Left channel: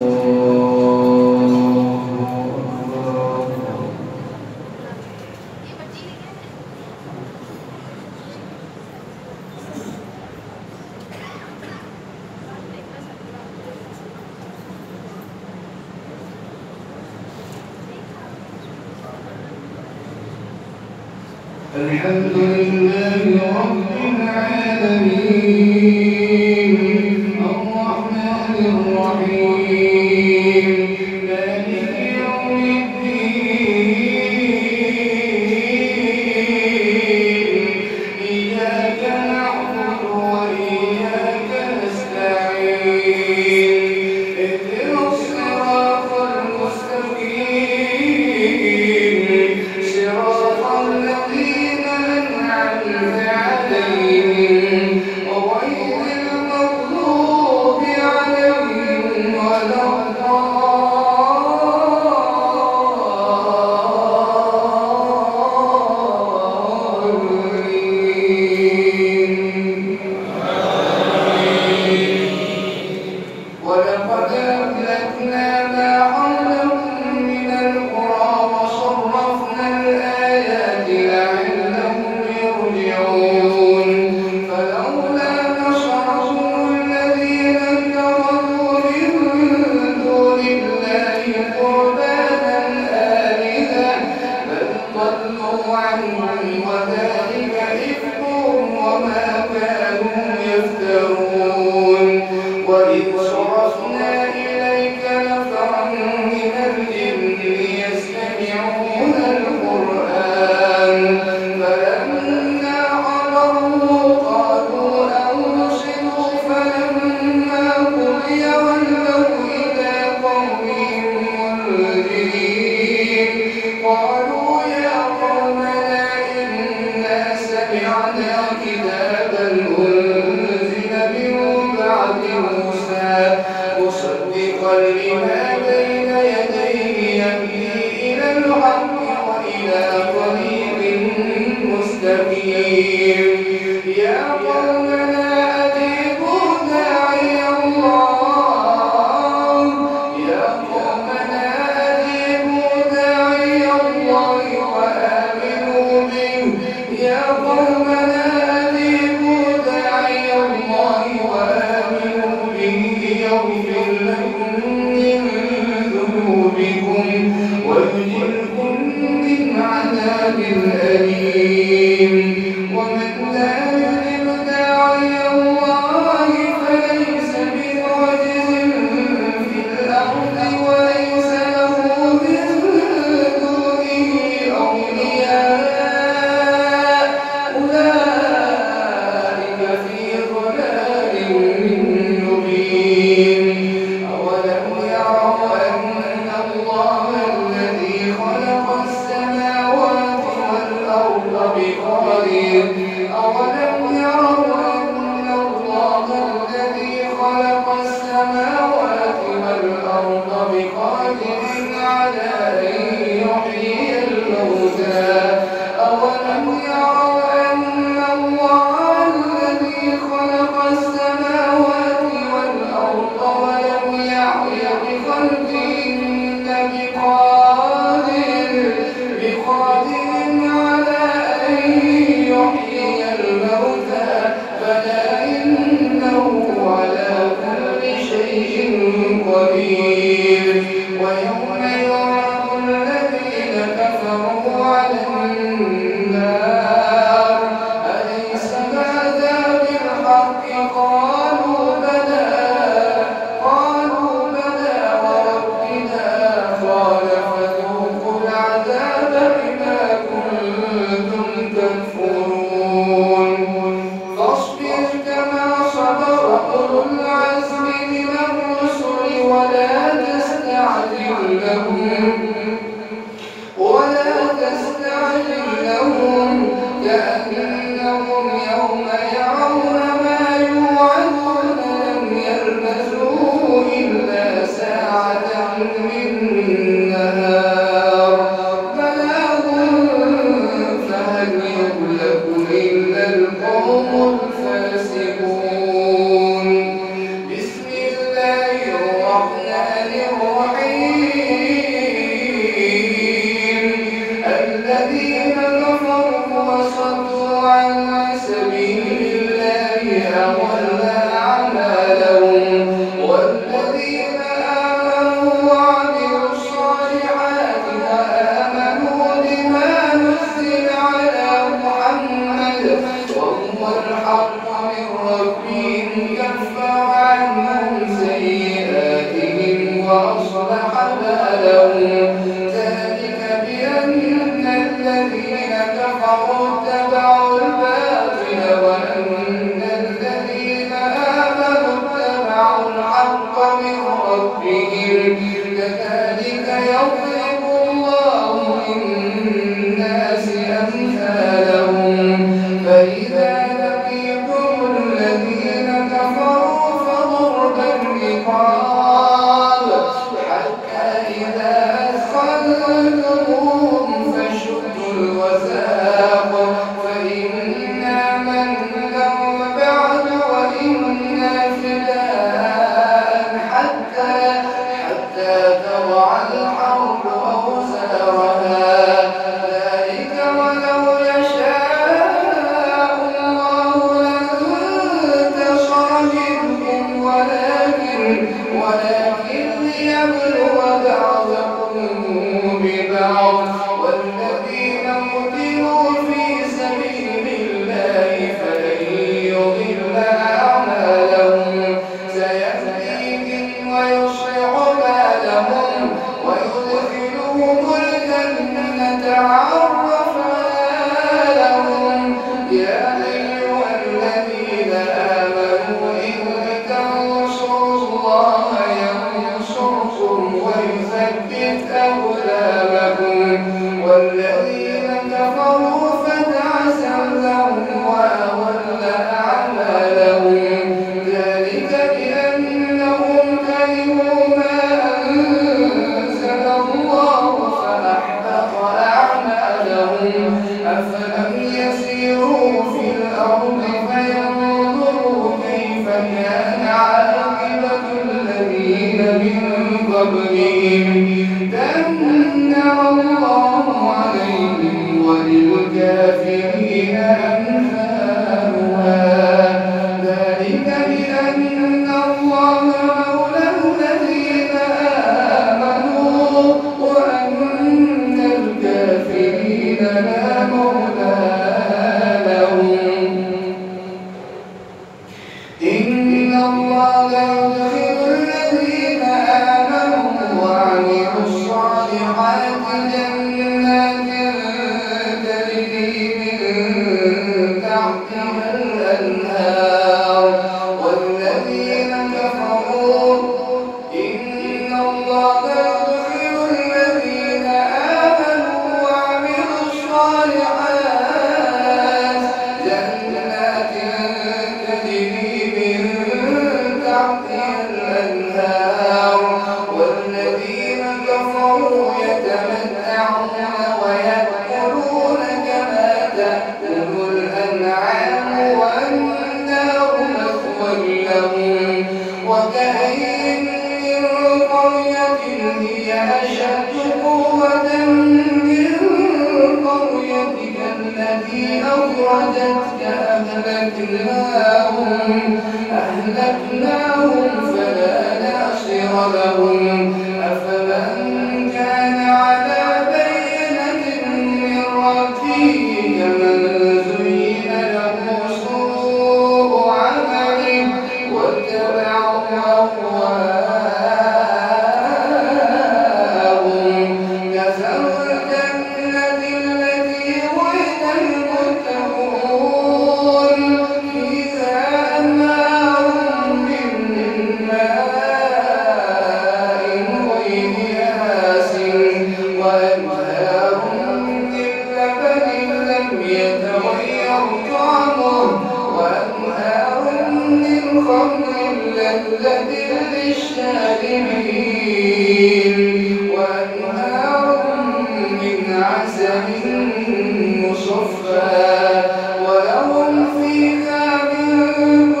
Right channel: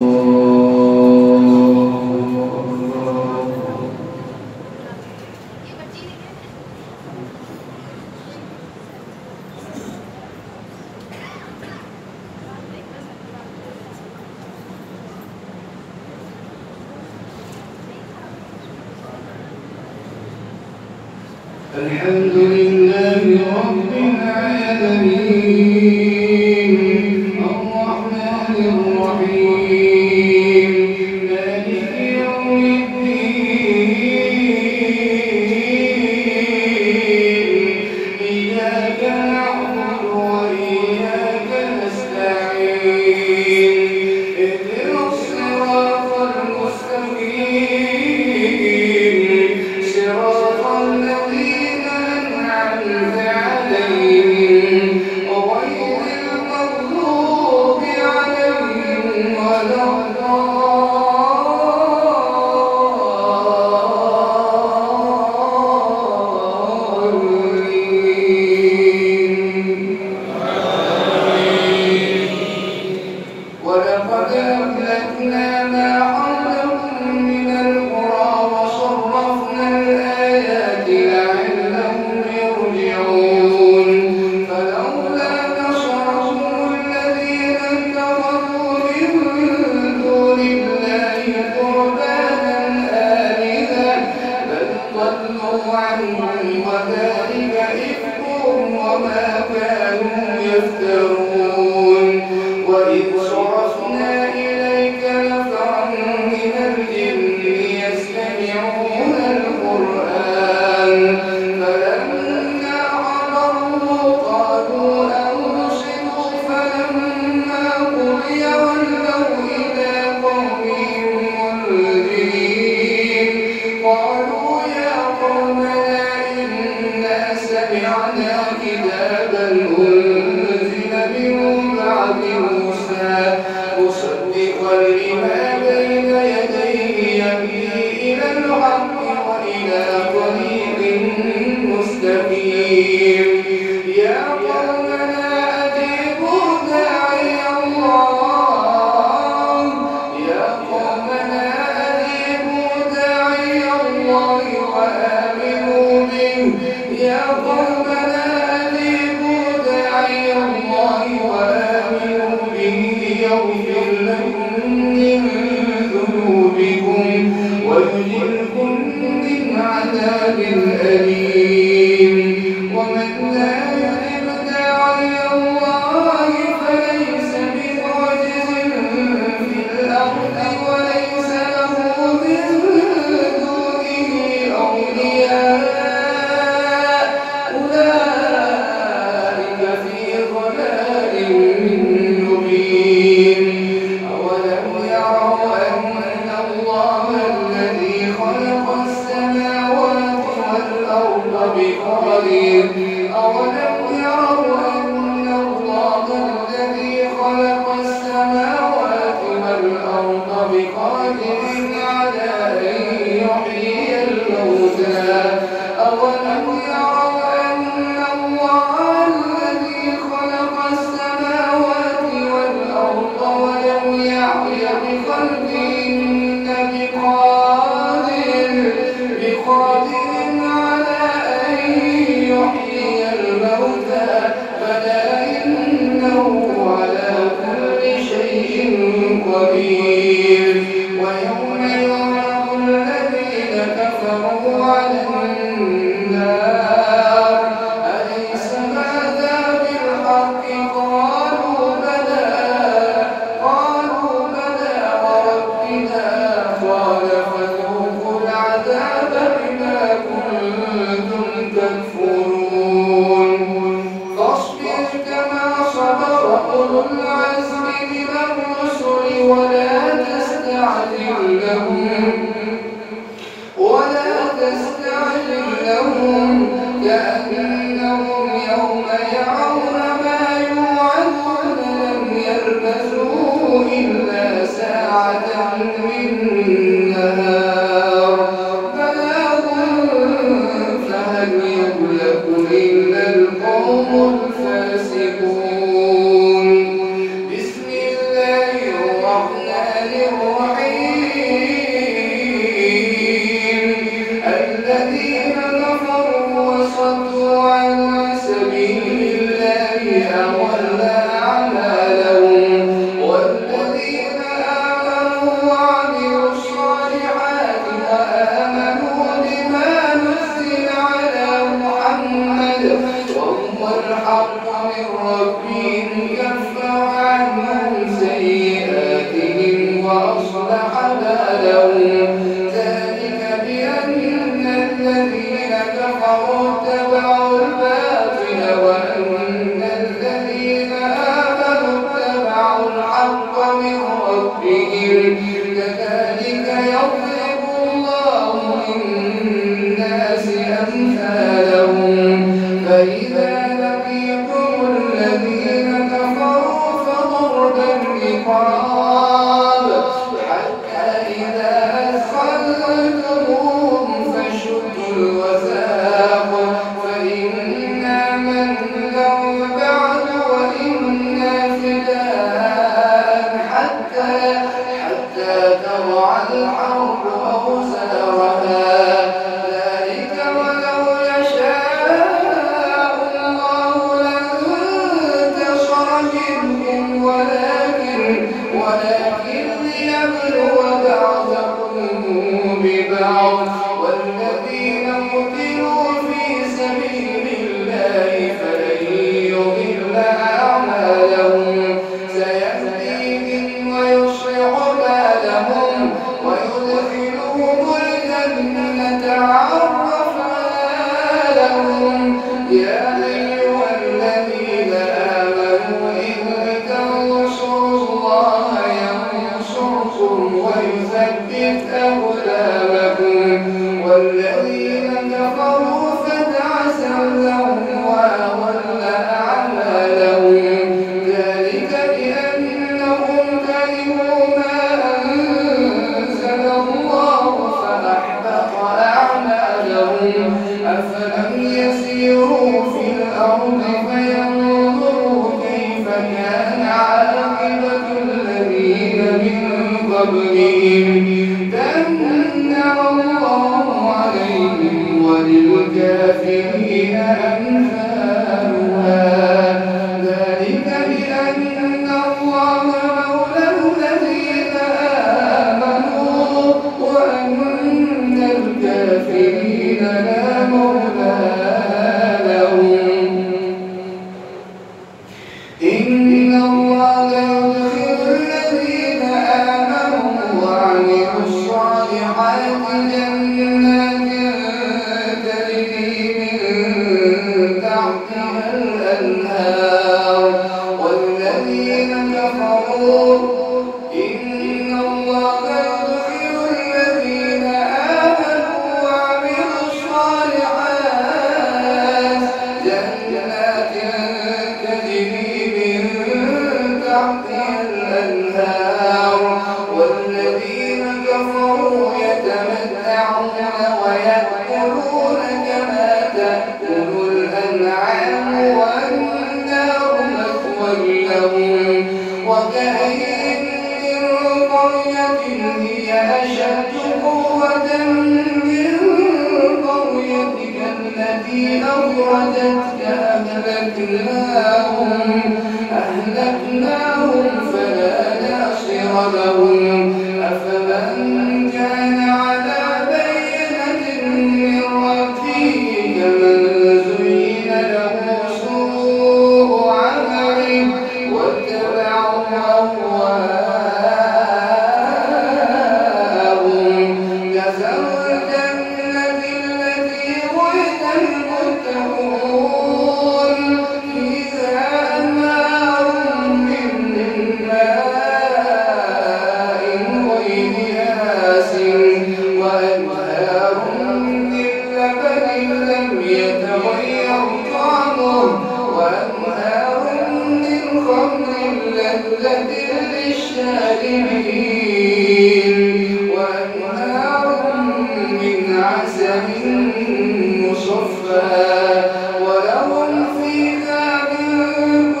الحمد لله رب العالمين الرحمن الرحيم مالك يوم الدين إياك نعبد وإياك نستعين اهدنا الصراط المستقيم صراط الذين أنعمت عليهم غير المغضوب عليهم ولا ولقد أهلكنا ما حولكم من القرى وصرفنا الآيات لعلهم يرجعون فلولا نصرهم الذين اتخذوا من دون الله قربانا آلهة بل ضلوا عنهم وذلك إفكهم وما كانوا يفترون وإذ صرفنا إليك نفرا من الجن يستمعون القرآن فلما حضروه قالوا أنصتوا فلما قضي ولوا إلى قومهم منذرين قالوا يا قومنا إنا سمعنا كتابا أنزل من بعد موسى مصدقا لما بين يديه يهدي إلى الحق وإلى طريق مستقيم يا قومنا أجيبوا داعي الله يا قومنا أجيبوا داعي الله وآمنوا به يا قومنا أجيبوا داعي الله وآمنوا به يغفر لكم من ذنوبكم ويجركم من عذاب أليم ومن لا يجب داعي الله فليس بمعجز في الأرض وليس له من دونه أولياء أولئك في ضلال مبين أولم يروا أن الله الذي خلق السماوات والأرض بقدير أولم يروا أن الله الذي خلق السماوات والأرض بقدير على أن يحيي الموتى أولم يروا أن الله الذي خلق السماوات والأرض ولم يحي بخلقهن بقادر على أن يحيي الموتى بلى إنه على كل شيء قدير ويوم يعرض الذين كفروا على النار أليس هذا بالحق قالوا بلى وربنا قال فذوقوا العذاب بما كنتم تكفرون فاصبر كما صبر أولو العزم من الرسل ولا تستعجل لهم كأنهم يوم يرون ما يوعدون لم يلبثوا إلا ساعة من نهار بلاغ فهل يهلك إلا القوم الفاسقون بسم الله الرحمن لهم ذلك بأن الذين كفروا اتبعوا الباطل وأن الذين آمنوا اتبعوا الحق من ربهم كذلك يضرب الله للناس أمثالهم فإذا لقيتم الذين كفروا فضرب الرقاب حتى إذا أثخنتموهم فشدوا الوثاق فإما منا بعد وإما فداء حتى تضع الحرب أوزارها ذلك ولو يشاء الله لانتصر منهم ولكن ليبلو بعضكم ببعض والذين قتلوا في سبيل الله فلن يضل أعمالهم سيهديهم ويصلح بالهم ويدخلهم الجنة عرفها لهم يا أيها الذين آمنوا إن تنصروا الله ينصركم ويثبت أقدامكم والذين كفروا فتعسا لهم وأضل أعمالهم ذلك بأنهم كرهوا ما أنزل الله فأحبط أعمالهم أفلم يسيروا في الأرض فينظروا كيف كان عاقبة الذين من قبلهم دمر الله عليهم وللكافرين أمثالها ذلك بأن الله مولى الذين آمنوا وأن الكافرين لا مولى لهم إن الله يدخل الذين آمنوا وعملوا الصالحات جنات تجري من تحتها الأنهار والذين كفروا إن الله يدخل الذين آمنوا وعملوا الصالحات جنات تجري من تحتها الأنهار والذين كفروا يتمتعون ويأكلون كما تأكل الأنعام والنار مثوى لهم وكأين من قرية هي أشد قوة من قريتك التي أخرجتك أهلكناهم فلا ناصر لهم أفمن كان على بينة من ربه كمن زين له سوء عمله واتبعوا أهواءهم مثل الجنة التي وعد المتقون فيها أنهار من ماء غير آسن وأنهار من لبن لم يتغير طعمه وأنهار من خمر لذة للشاربين وأنهار من عسل مصفى ولهم فيها من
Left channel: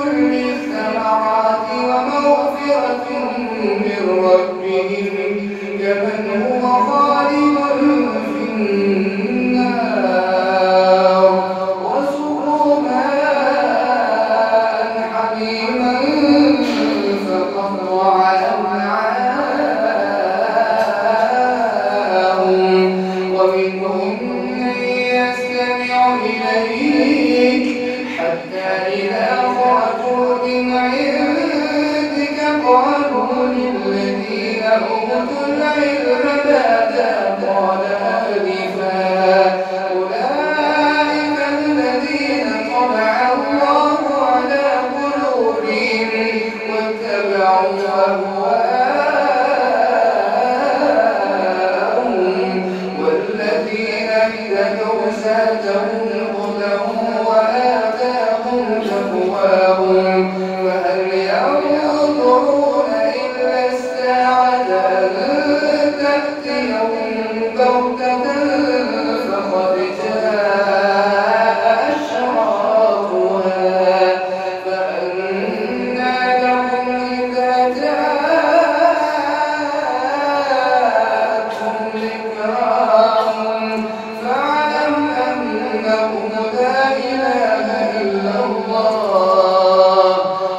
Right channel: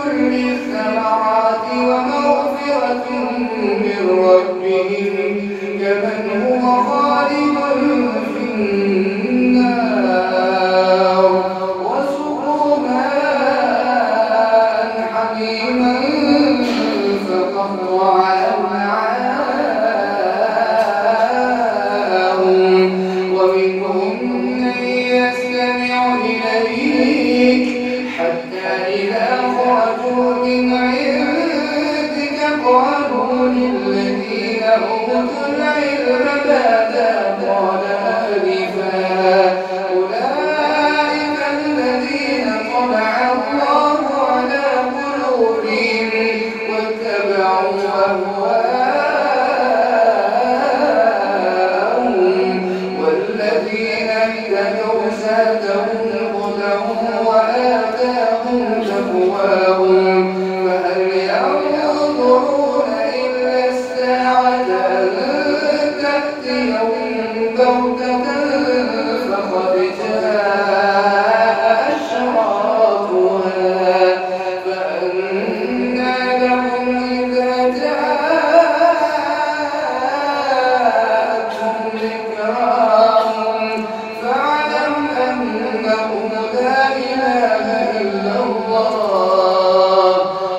كل الثمرات ومغفرة من ربهم كمن هو خالد في النار وسقوا ماء حميما فقطع أمعاءهم ومنهم من يستمع إليك حتى إذا خرجوا من عندك قالوا للذين أوتوا العلم ماذا قال آنفا أولئك الذين طبع الله على قلوبهم واتبعوا أهواءهم والذين اهتدوا زادهم هدى وآتاهم تقواهم فهل ينظرون إلا الساعة أن تأتيهم بغتة فقد جاء أشراطها فأنى لهم إذا جاءتهم ذكراهم فاعلم أنه لا إله إلا الله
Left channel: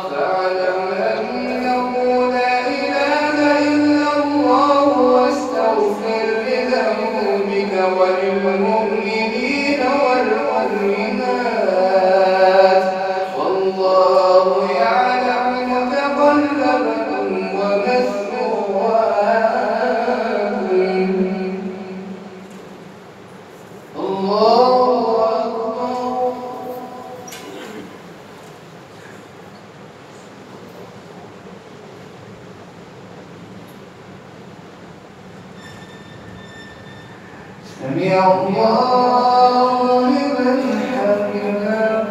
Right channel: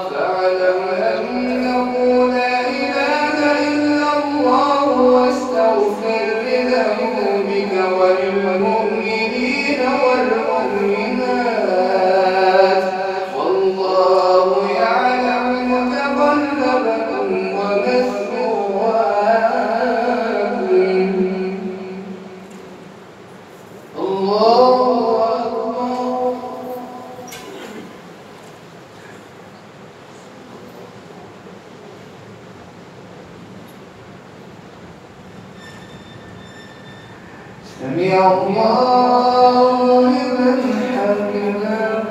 فاعلم أنه لا إله إلا الله واستغفر لذنوبك وللمؤمنين والمؤمنات والله يعلم متقلبكم ومثواكم الله أكبر سمع الله لمن حمده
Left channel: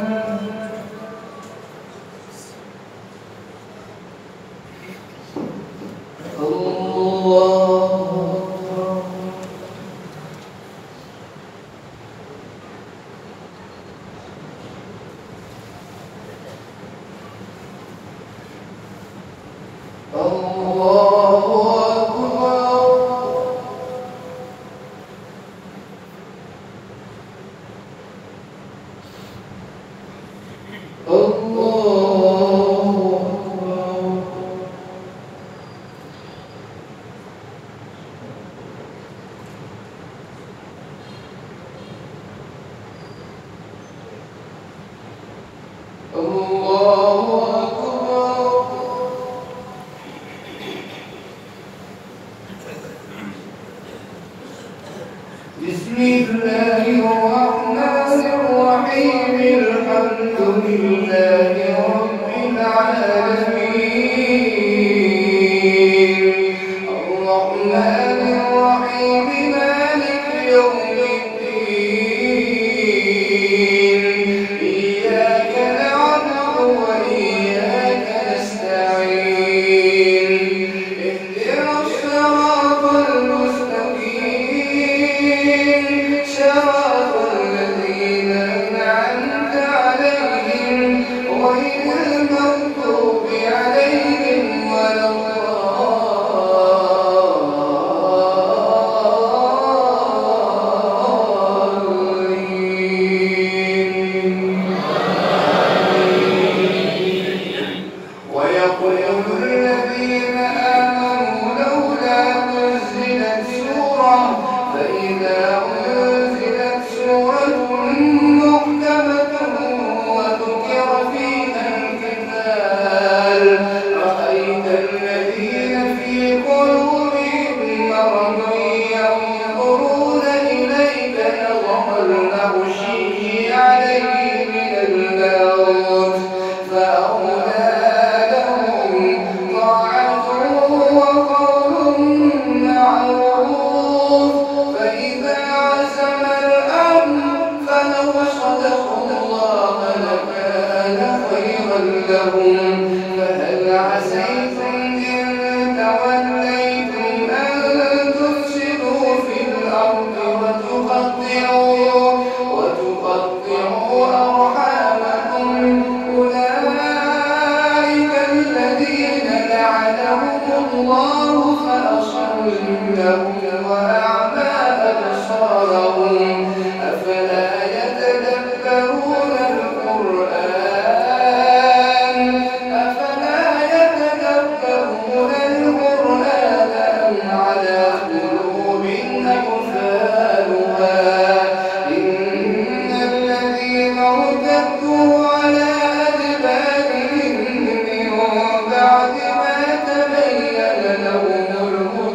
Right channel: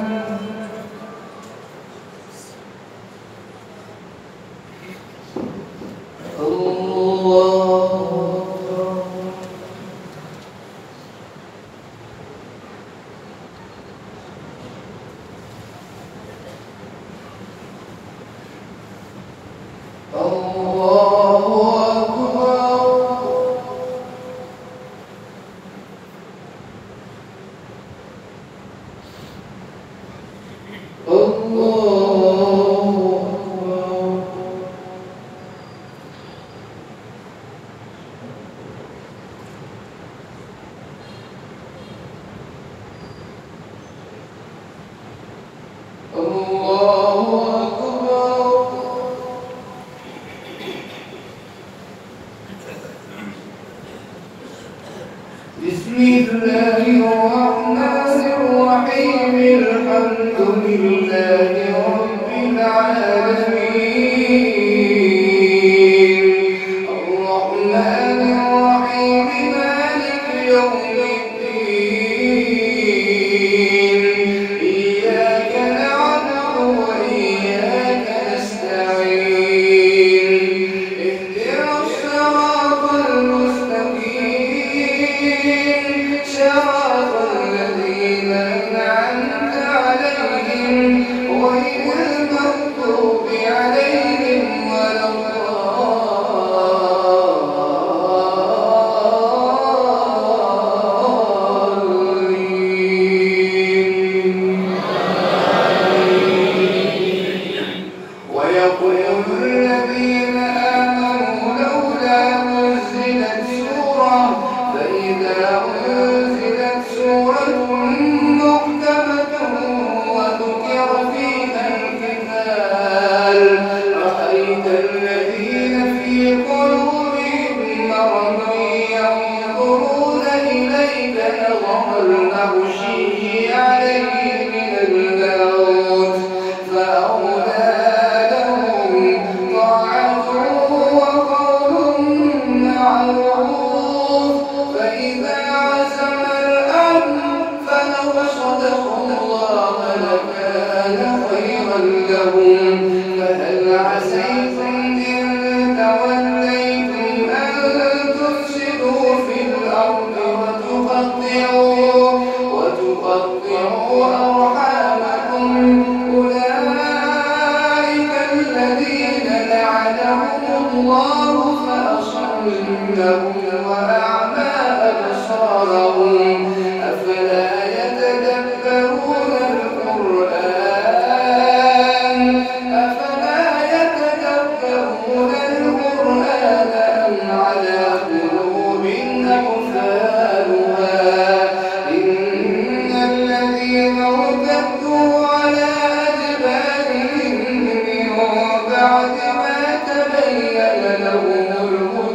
بسم الله الرحمن الرحيم الحمد لله رب العالمين الرحمن الرحيم مالك يوم الدين إياك نعبد وإياك نستعين اهدنا الصراط المستقيم صراط الذين أنعمت عليهم غير المغضوب عليهم ولا الضالين ويقول الذين آمنوا لولا نزلت سورة فإذا أنزلت سورة محكمة وذكر فيها القتال رأيت الذين في قلوبهم مرض ينظرون إليك نظر المغشي عليه من الموت فأولى لهم طاعة وقول معروف فإذا عزم الأمر فلو صدقوا الله لكان خيرا لهم فهل عسيتم إن توليتم أن تفسدوا في الأرض وتقطعوا أرحامكم أولئك الذين لعنهم الله فأصمهم وأعمى أبصارهم أفلا يتدبرون القرآن أم على قلوب أقفالها إن الذين ارتدوا على أدبارهم من بعد ما تبين لهم الهدى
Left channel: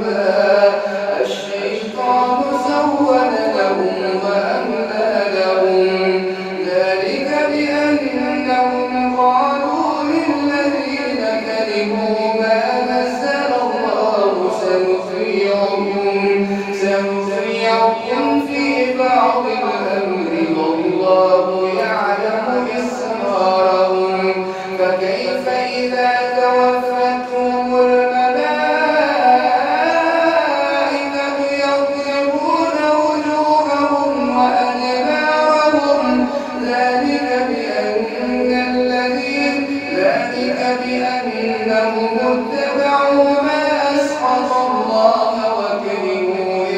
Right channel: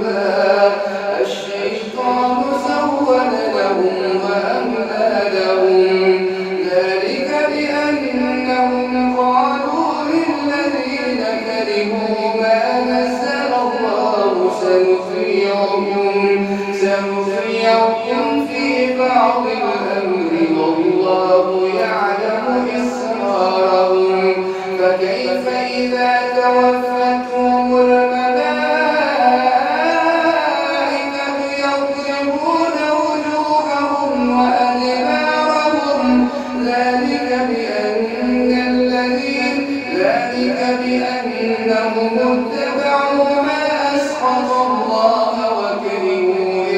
سنطيعكم في بعض الأمر والله يعلم إسرارهم فكيف إذا توفتهم الملائكة يضربون وجوههم وأدبارهم ذلك بأنهم اتبعوا ما أسخط الله وكرهوا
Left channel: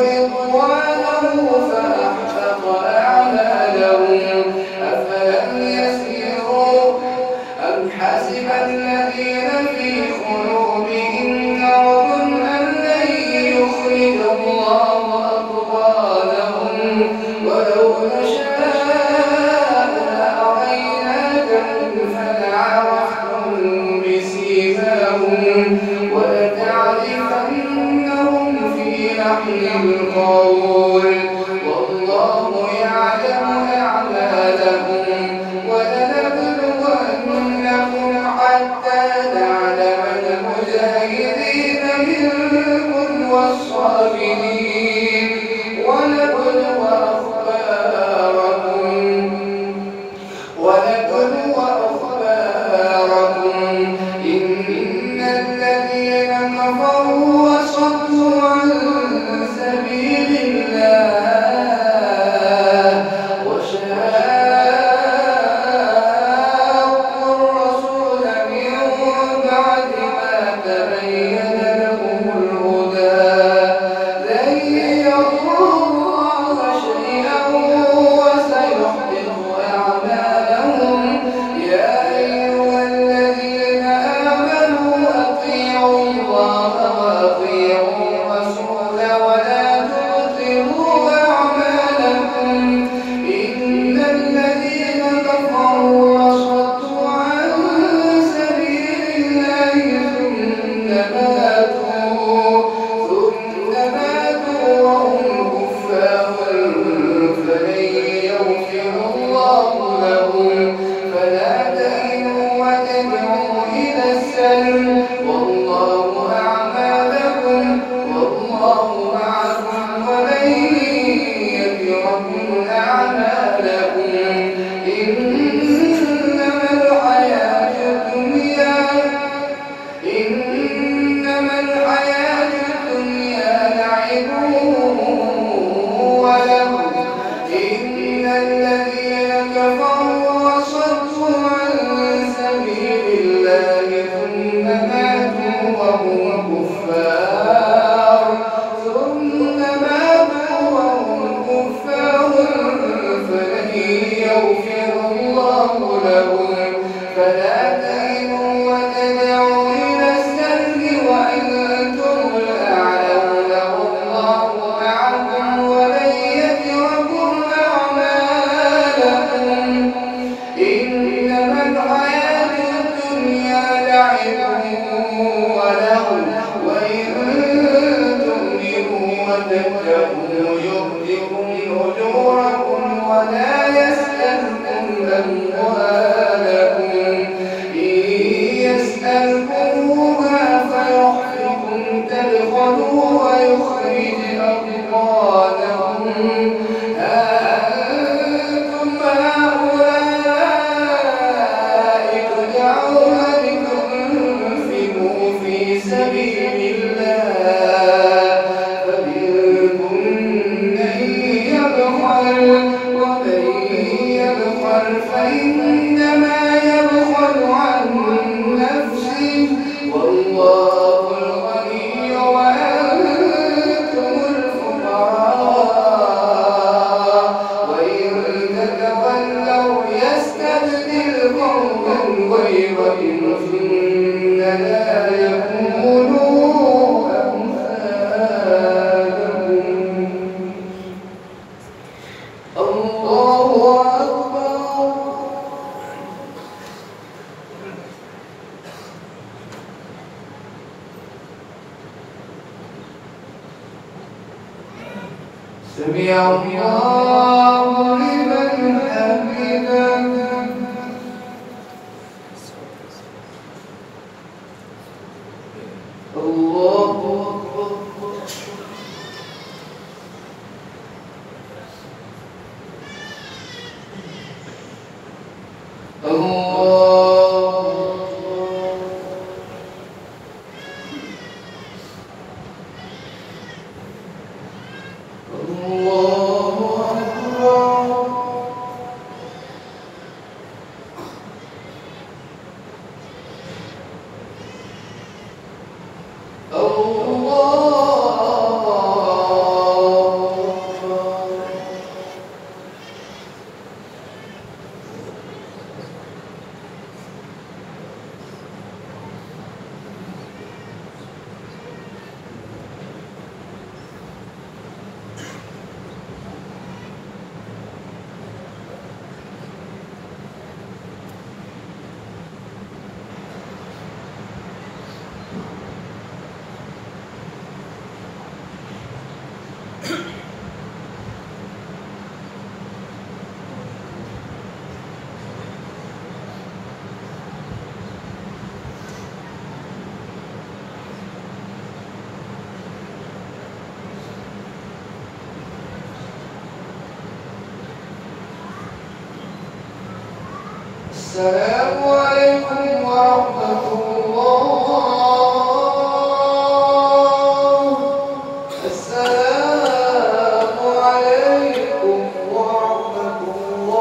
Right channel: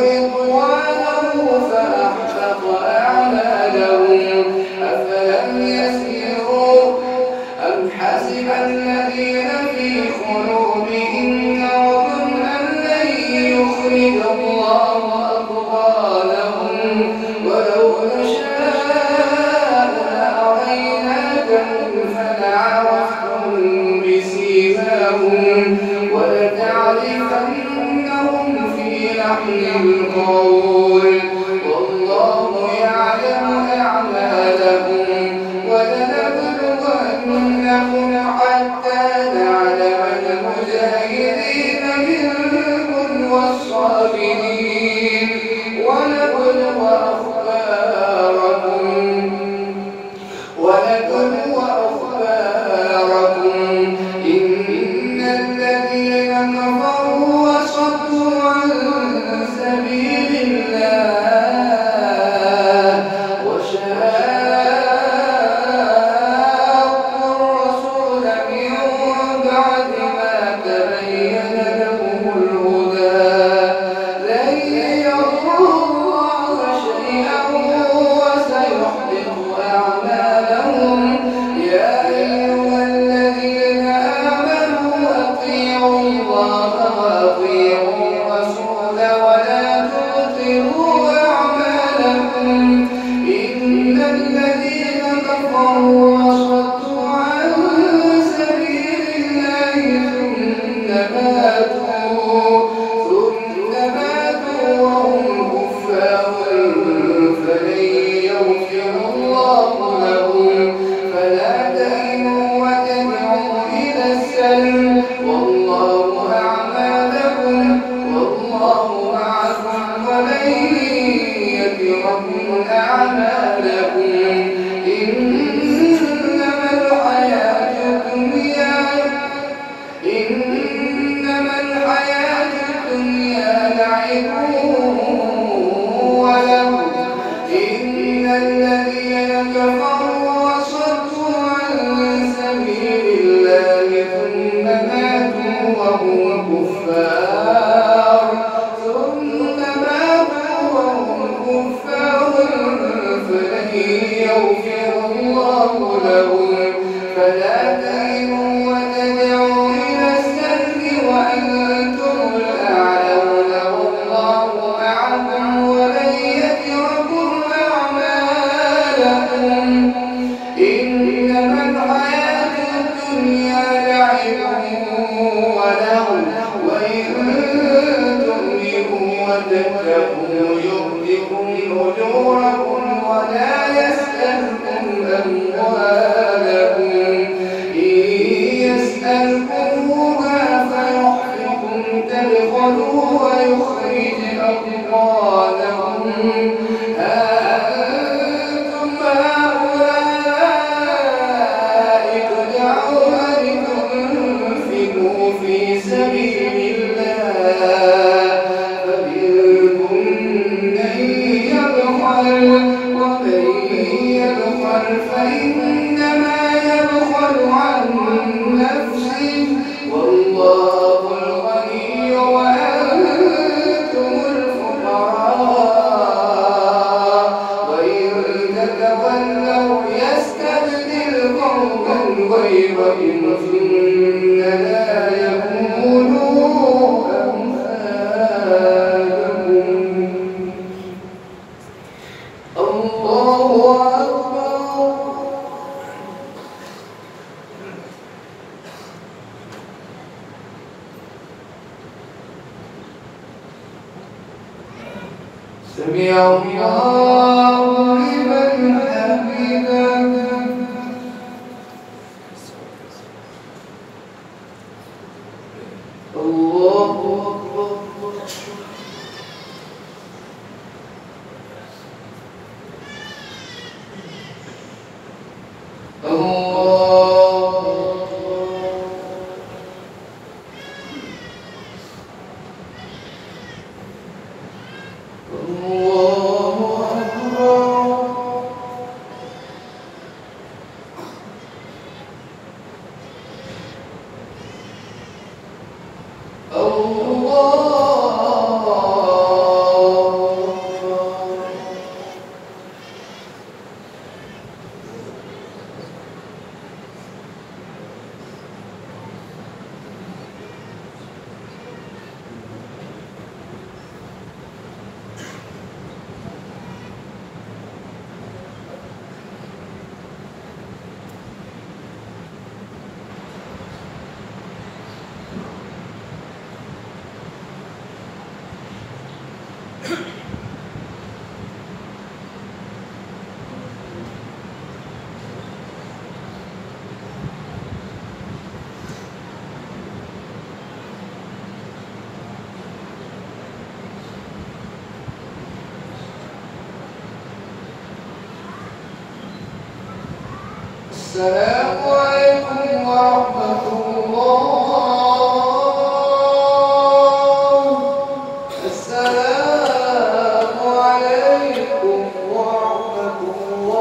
رضوانه فأحبط أعمالهم أفلم يسيروا أم حسب الذين في قلوبهم مرض أن لن يخرج الله أضغانهم ولو نشاء لأريناكهم فلعرفتم بسيماهم ولتعرفنهم في لحن القول والله يعلم أعمالهم ولنبلونهم حتى نعلم المجاهدين منكم والصابرين ونبلو أخباركم إن الذين كفروا وصدوا عن سبيل الله وشاقوا الرسول من بعد ما تبين لهم الهدى لن يضروا الله شيئا وسيحبط أعمالهم يا أيها الذين آمنوا أطيعوا الله وأطيعوا الرسول ولا تبطلوا أعمالكم إن الذين كفروا وصدوا عن سبيل الله ثم ماتوا وهم كفار فلن يغفر الله لهم فلا تهنوا وتدعوا إلى السلم والله أعمالكم والله معكم ولن يتركم أعمالكم إنما الحياة الدنيا لعب ولهو إن الذين كفروا وصدوا عن سبيل الله ثم ماتوا وهم كفار فلن يغفر الله لهم فلا تهنوا وتدعوا إلى السلم وأنتم الأعلون والله معكم ولن يتركم أعمالكم إنما الحياة الدنيا لعب ولهو وإن تؤمنوا وتتقوا يؤتكم أجوركم ولا يسألكم أموالكم إن يسألكموها فيحفكم تبخلوا ويخرج أضغانكم أنتم هؤلاء تدعون لتنفقوا في سبيل الله فمنكم من يبخل ومن يبخل فإنما يبخل عن نفسه والله الغني وأنتم الفقراء وإن تتولوا يستبدل قوما غيركم ثم لا يكونوا أمثالكم الله أكبر سمع الله لمن حمده السلام عليكم ورحمة الله. السلام عليكم ورحمة الله.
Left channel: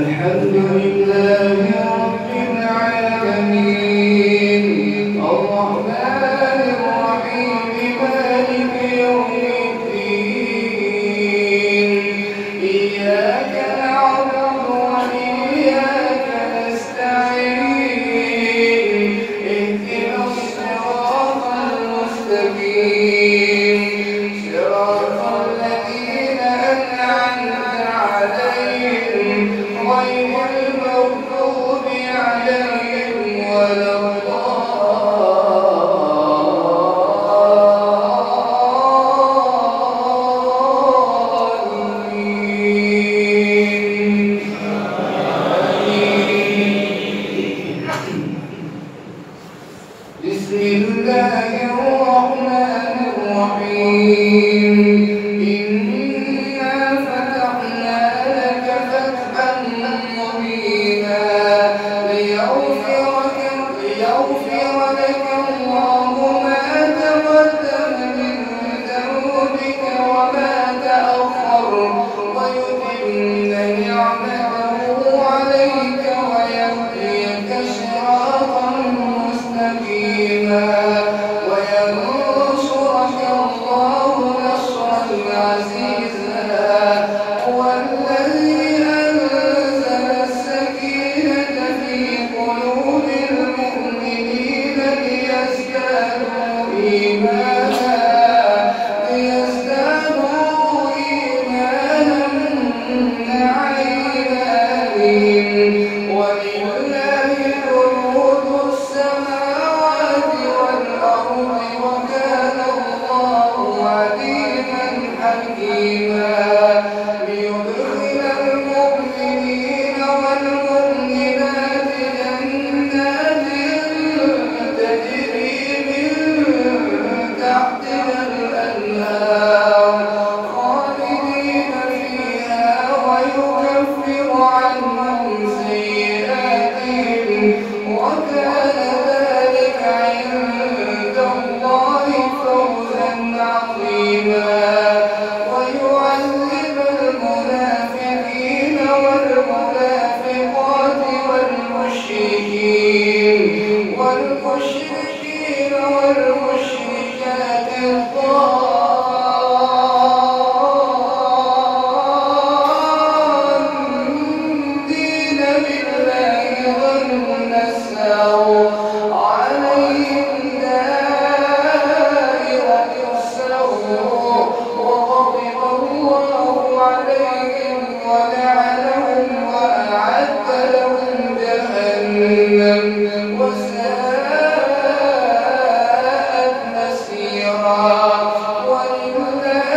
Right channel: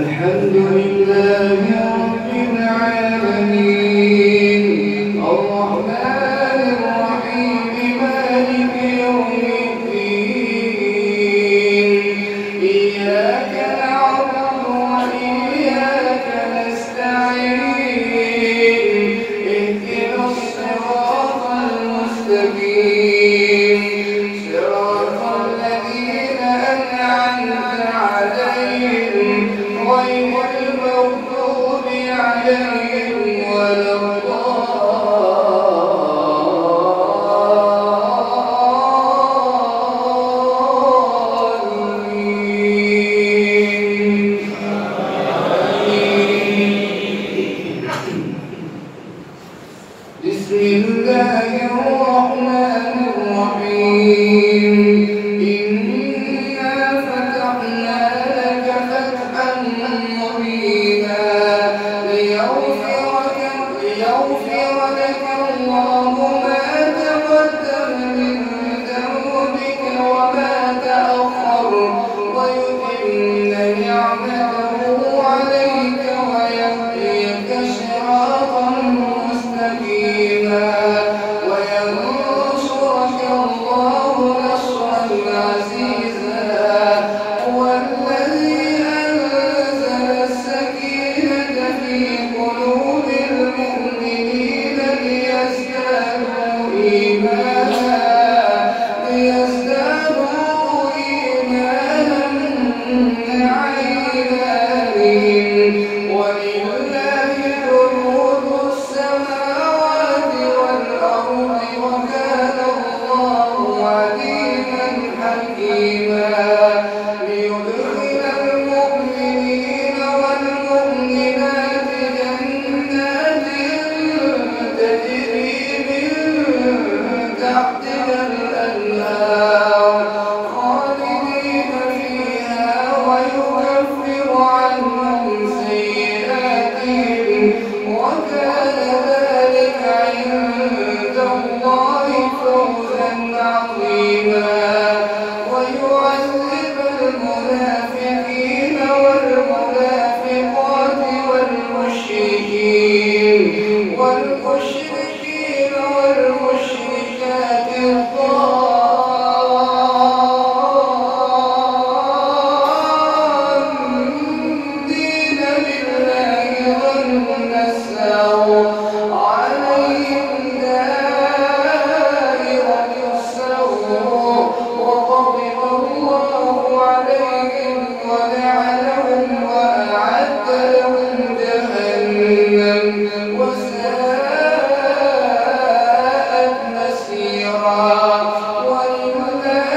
الحمد لله رب العالمين الرحمن الرحيم مالك يوم الدين إياك نعبد وإياك نستعين اهدنا الصراط المستقيم صراط الذين أنعمت عليهم غير المغضوب عليهم ولا الضالين. بسم الله الرحمن الرحيم. إنا فتحنا لك فتحا مبينا ليغفر لك الله ما تقدم من ذنبك وما تأخر ويتم نعمته عليك ويهديك صراطا مستقيما وينصرك الله نصرا عزيزا. هو الذي أنزل السكينة في قلوب المؤمنين ليزدادوا إيمانا مع إيمانهم ولله جنود السماوات والأرض وكان الله عليما حكيما. ليدخل المؤمنين والمؤمنات جنات تجري من تحتها الأنهار خالدين فيها ويكفر عنهم سيئاتهم وكان ذلك عند الله فوزا عظيما ويعذب المنافقين والمنافقات والمشركين والمشركات الضالين بالله ظن السوء عليهم دائرة السوء وغضب الله عليهم ولعنهم وأعد لهم جهنم وساءت مصيرا ولله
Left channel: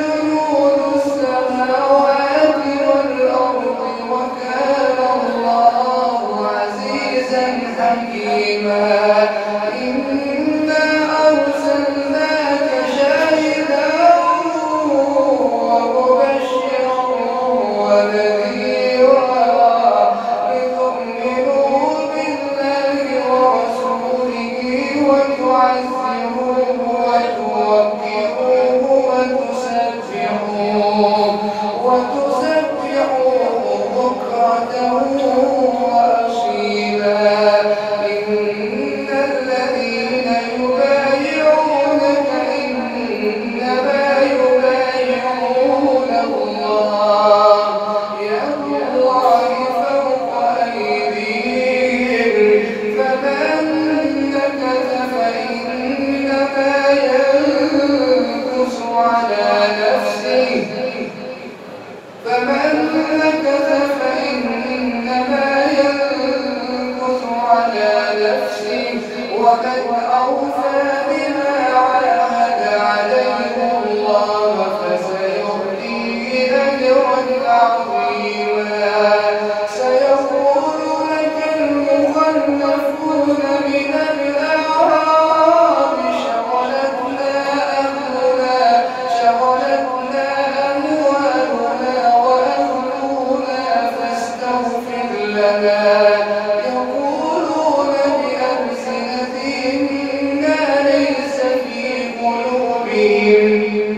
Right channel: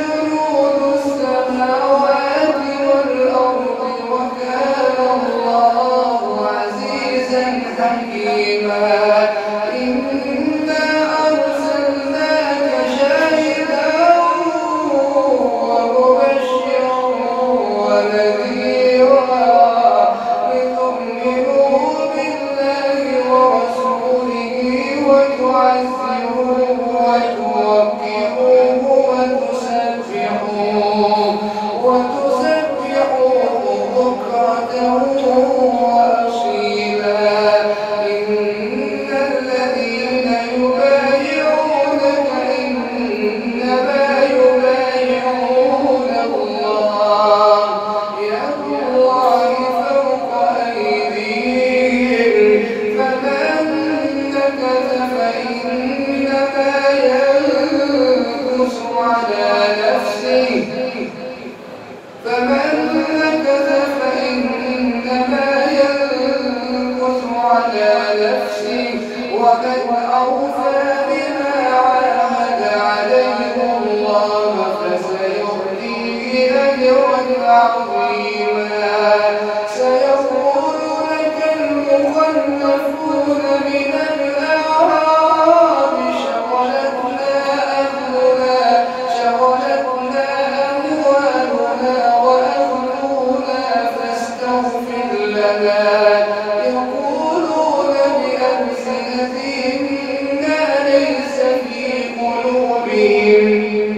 جنود السماوات والأرض وكان الله عزيزا حكيما إنا أرسلناك شاهدا ومبشرا ونذيرا لتؤمنوا بالله ورسوله وتعزروه وتوقروه وتسبحوه بكرة وأصيلا إن الذين يبايعونك إنما يبايعون الله يد الله فوق أيديهم فمن نكث فإنما ينكث على نفسه ومن أوفى بما عاهد عليه الله فسيؤتيه أجرا عظيما سيقول لك المخلفون من الأعراب شغلتنا أموالنا وأهلنا فاستغفر لنا يقولون بألسنتهم ما ليس في قلوبهم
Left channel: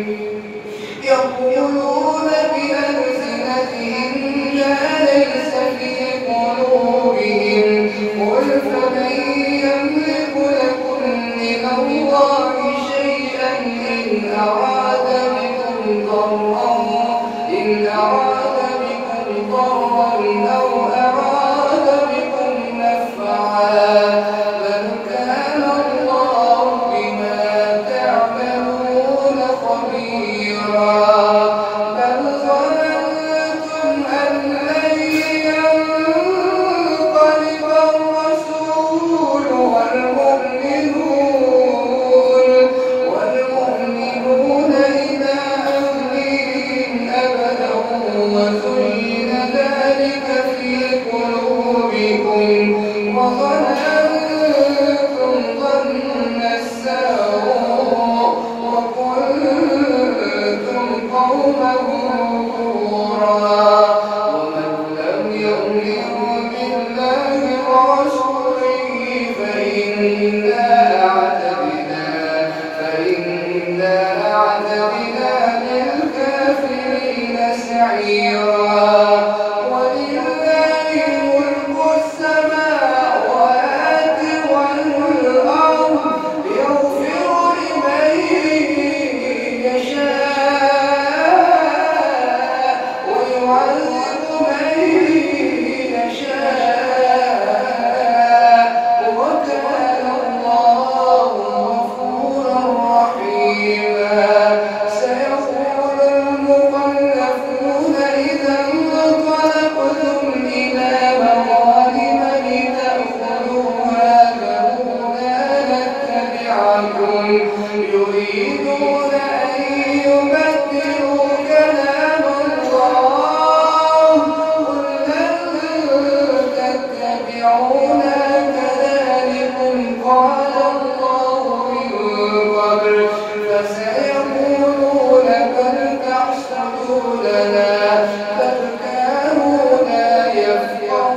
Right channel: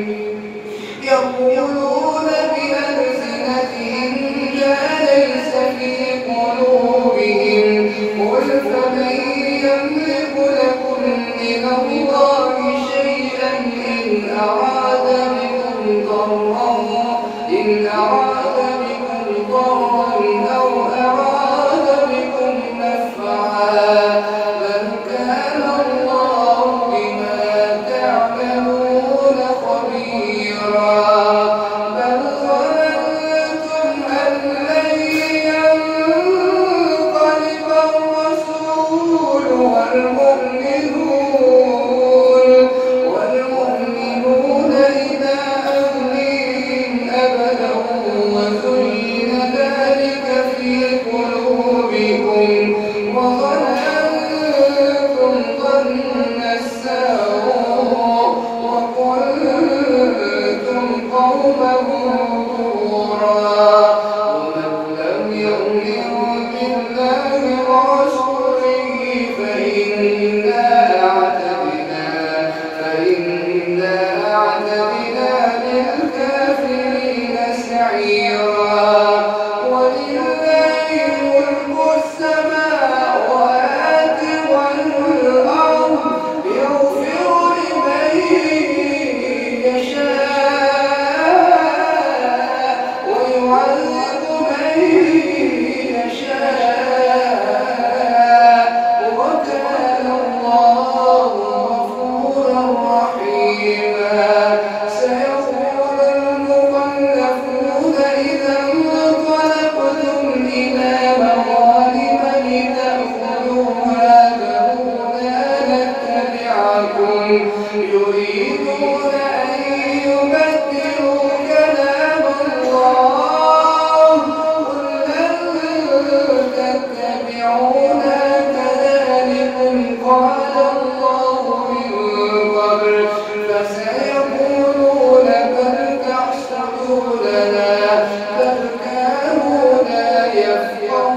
قل فمن يملك لكم من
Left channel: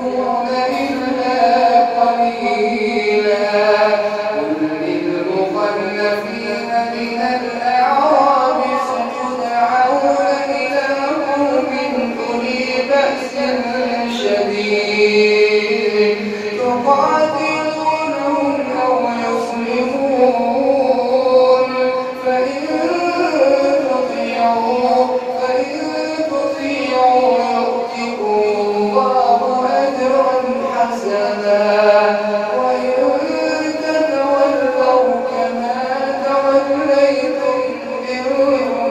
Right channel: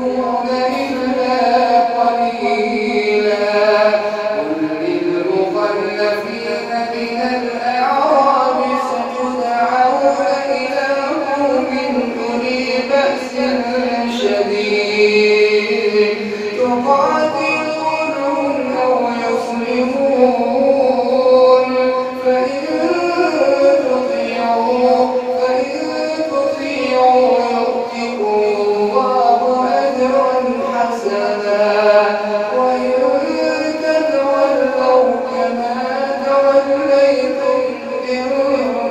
يعبدون إلا قليلا قل للمخلفين من الأعراب ستدعون إلى قوم أولي بأس شديد تقاتلونهم أو يسلمون فإن تطيعوا يؤتكم الله أجرا حسنا وإن تتولوا كما توليتم من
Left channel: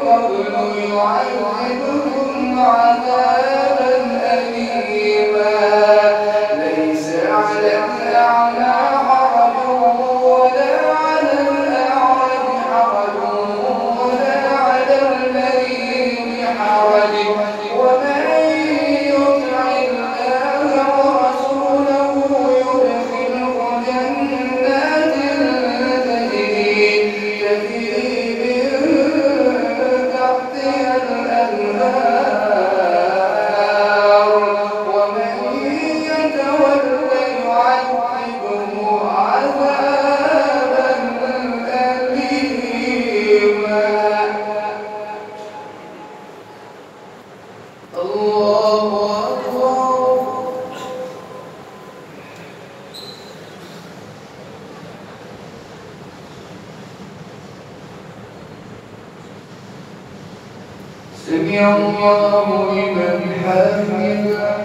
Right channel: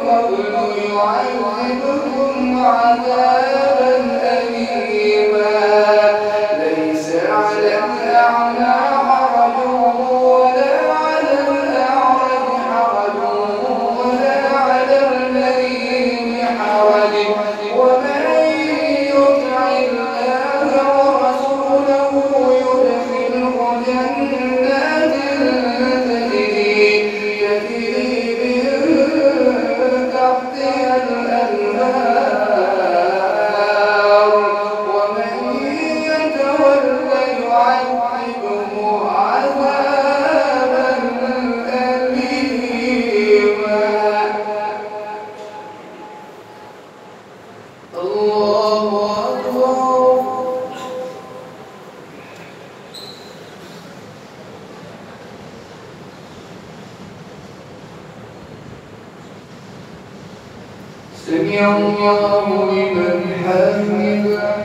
قبل يعذبكم عذابا أليما ليس على الأعمى حرج ولا على الأعرج حرج ولا على المريض حرج ومن يطع الله ورسوله يدخله جنات تجري من تحتها الأنهار ومن يتولى يعذبه عذابا أليما الله أكبر سمع الله لمن حمده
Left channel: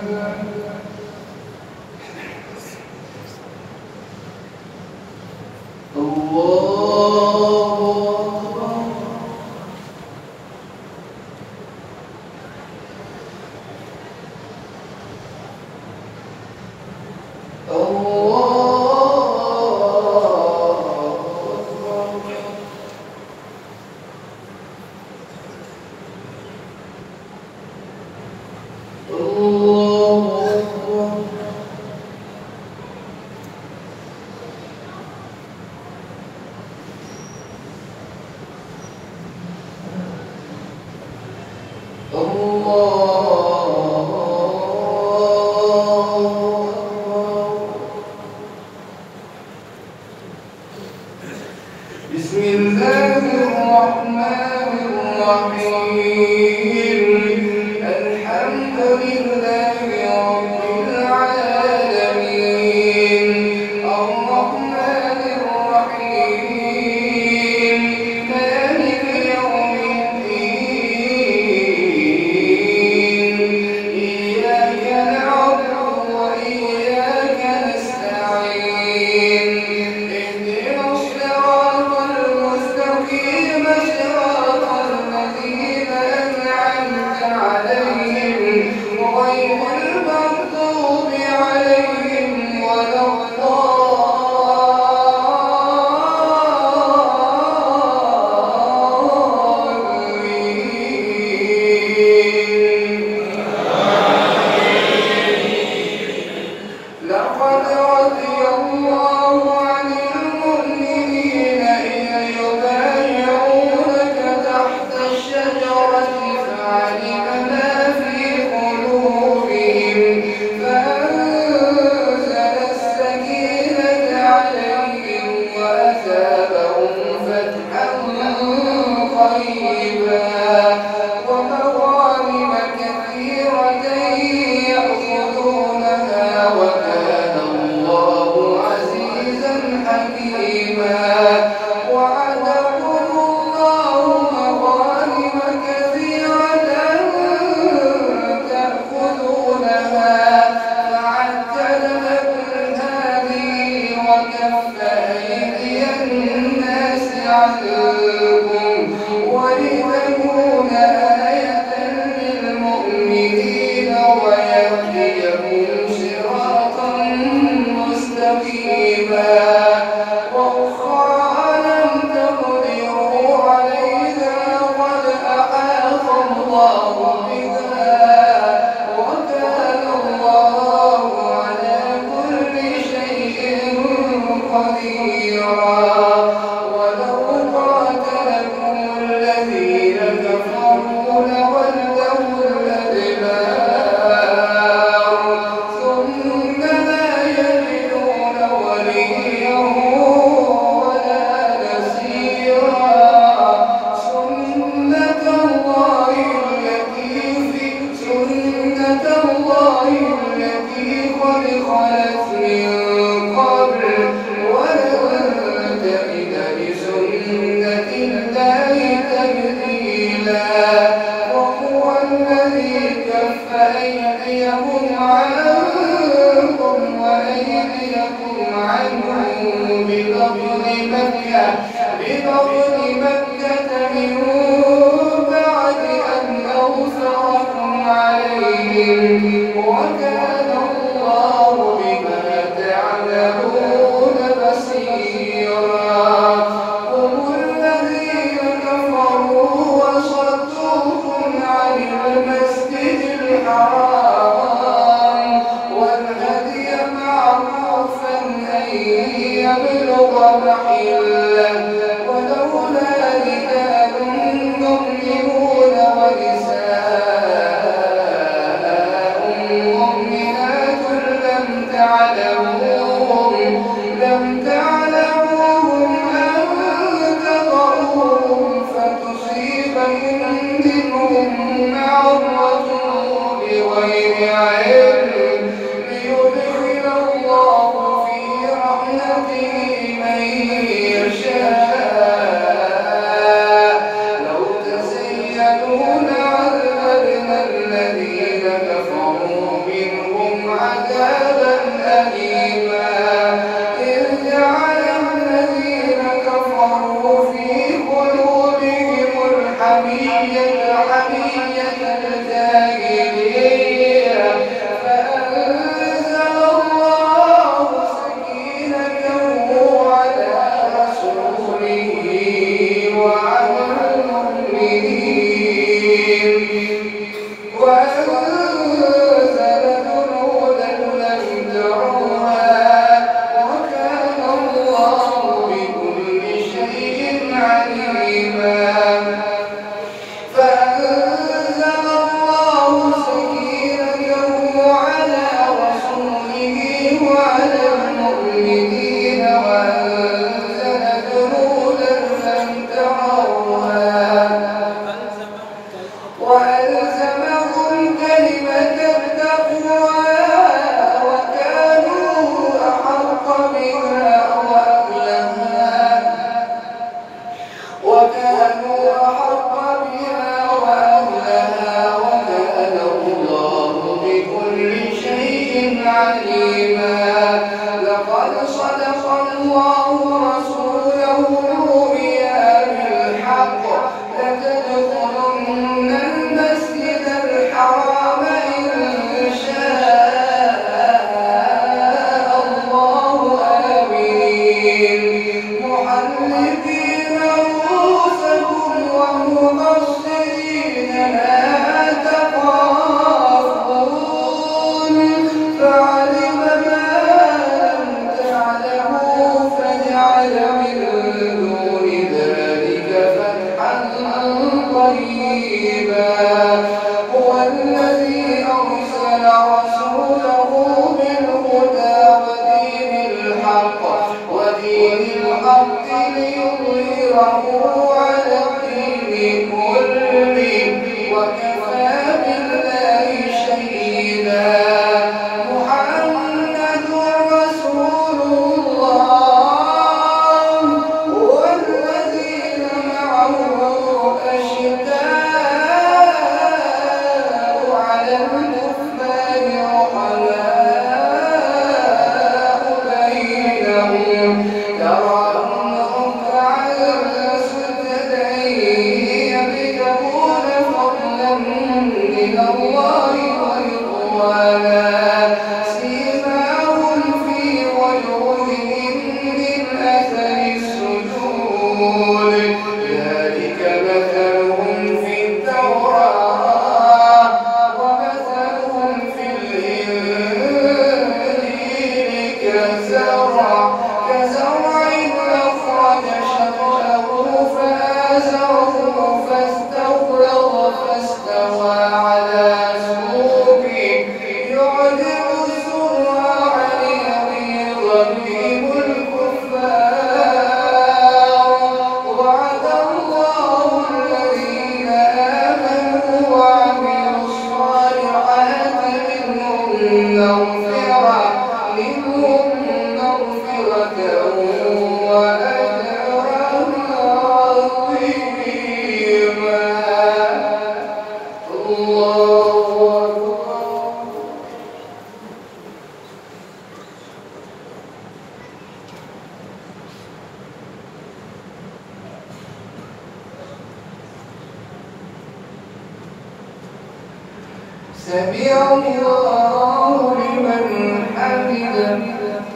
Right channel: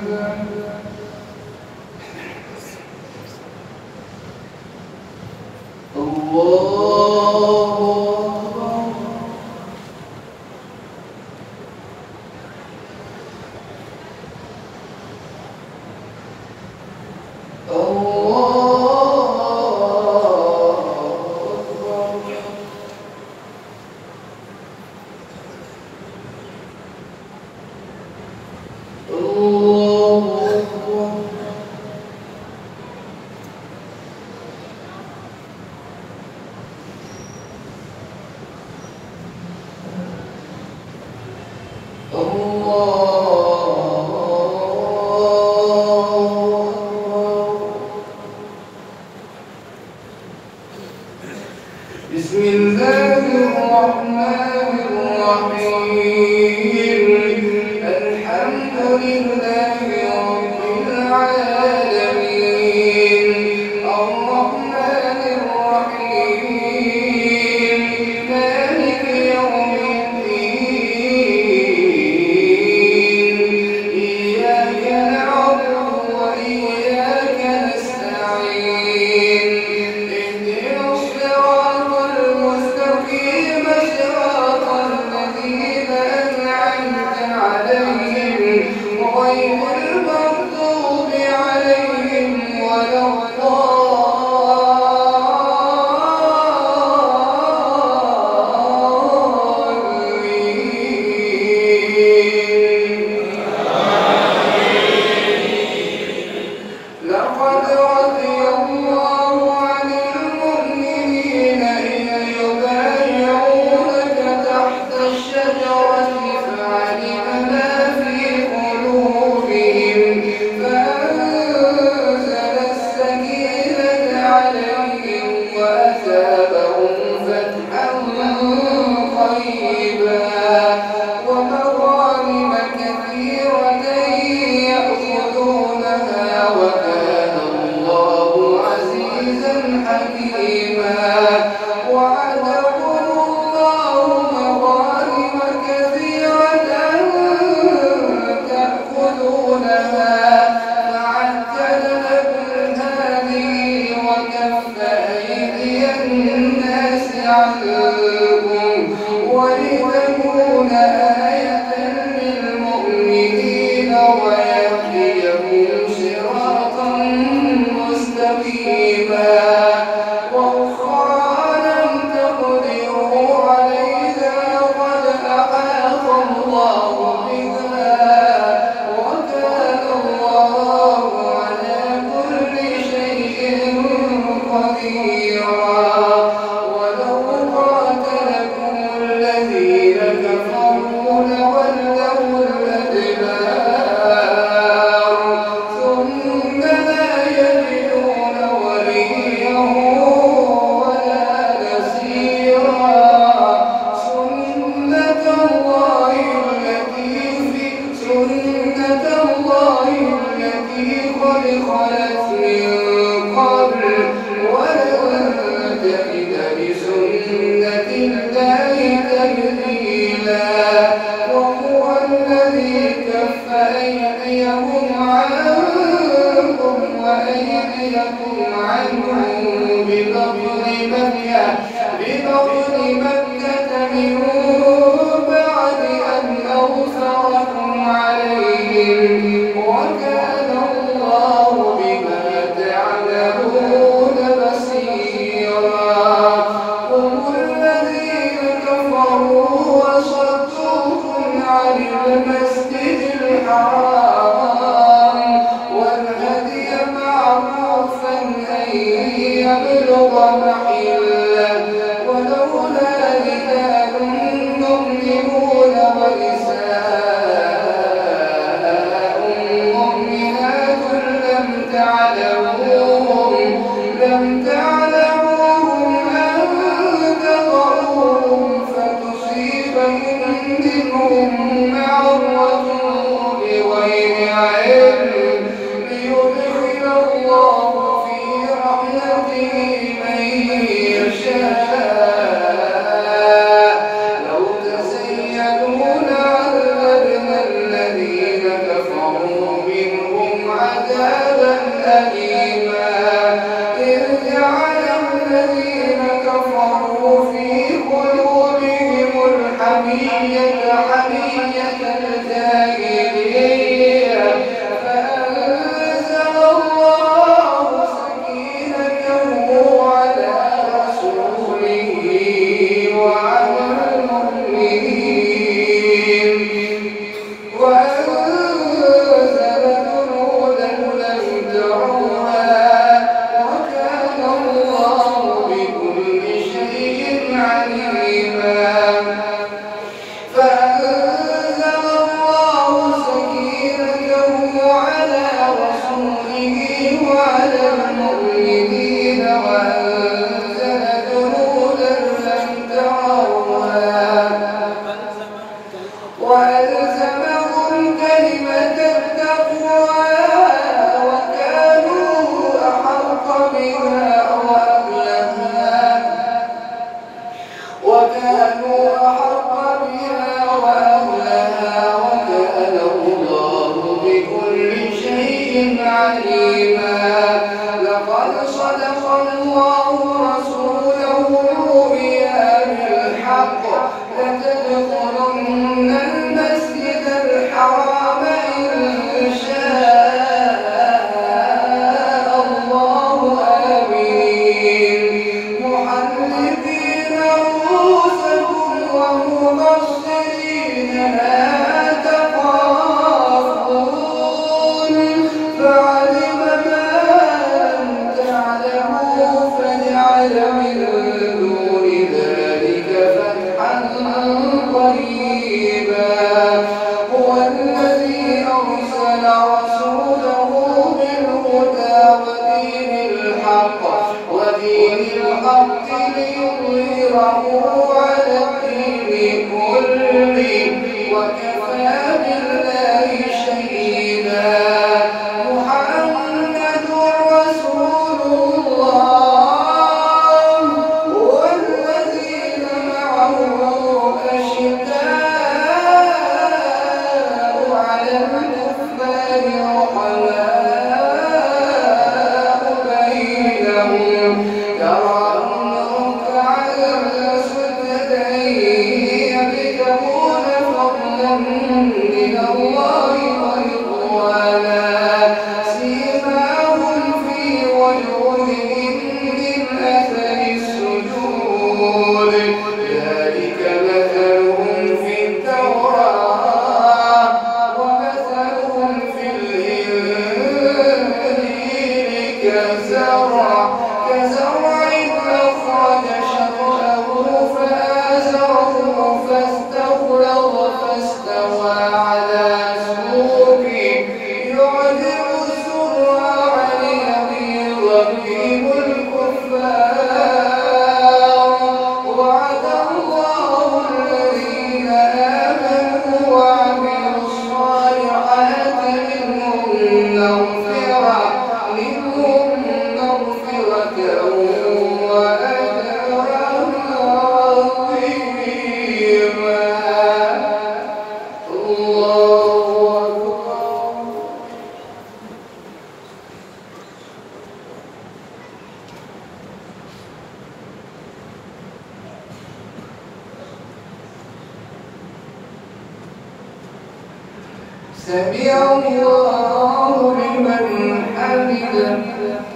الله بسم الله الرحمن الرحيم الحمد لله رب العالمين الرحمن الرحيم مالك يوم الدين إياك نعبد وإياك نستعين اهدنا الصراط المستقيم صراط الذين أنعمت عليهم غير المغضوب عليهم ولا لقد رضي الله عن المؤمنين إذ يبايعونك تحت الشجرة فعلم ما في قلوبهم فأنزل السكينة عليهم وأثابهم فتحا قريبا ومغانم كثيرة يأخذونها وكان الله عزيزا حكيما وعدهم الله مغانم كثيرة تأخذونها فعجل لكم هذه وكف أيدي الناس عنكم ولتكون آية للمؤمنين ويهديهم صراطا مستقيما وأخرى لم تقدروا عليها قد أحاط الله بها وكان الله على كل شيء قديرا ولو قاتلكم الذين كفروا لولوا الأدبار ثم خلت من قبل ولن تجد لسنة الله تبديلا وهو الذي كف أيديهم عنكم وأيديكم عنهم ببطن مكة من بعد أن أظفركم عليهم وكان الله بما تعملون بصيرا هم الذين كفروا وصدوكم عن المسجد الحرام والهدي معروفا أن يبلغ محله ولولا رجال مؤمنون ونساء مؤمنات لم تعلموهم أن تطؤوهم فتصيبهم منهم معرة بغير علم ليدخل الله في رحمته من يشاء لو تزينوا لعذبنا الذين كفروا منهم عذابا أليما إذ جعل الذين كفروا في قلوبهم الحمية الجاهلية فأنزل الله سكينته على رسوله وعلى المؤمنين وأنزل جنودا لم تروها وكان الله بكل شيء عليما فأنزل الله سكينته على رسوله وعلى المؤمنين وأنزل جنودا لم تروها وألزمهم كلمة التقوى وكانوا أحق بها وأهلها وكان الله بكل شيء عليما لقد صدق الله رسوله الرؤيا بالحق لتدخلن المسجد الحرام إن شاء الله آمين محلقين رؤوسكم ومقصرين لا تخافون فعلم ما لم تعلموا فجعل من دون ذلك فتحا قريبا هو الذي أرسل رسوله بالهدى ودين الحق ليظهره على الدين كله وكفى بالله شهيدا محمد رسول الله والذين معه أشداء على الكفار رحماء بينهم تراهم ركعا سجدا يبتغون فضلا من الله ورضوانا سيماهم في وجوههم من أثر السجود ذلك مثلهم في التوراة ومثلهم في الإنجيل كزرع أخرج شطأه فآزره فاستوى على سوقه يعجب الزرع ليغيظ بهم الكفار وعد الله الذين آمنوا وعملوا الصالحات منهم منهم مغفرة وأجرا عظيما. الله أكبر. سمع الله لمن حمده.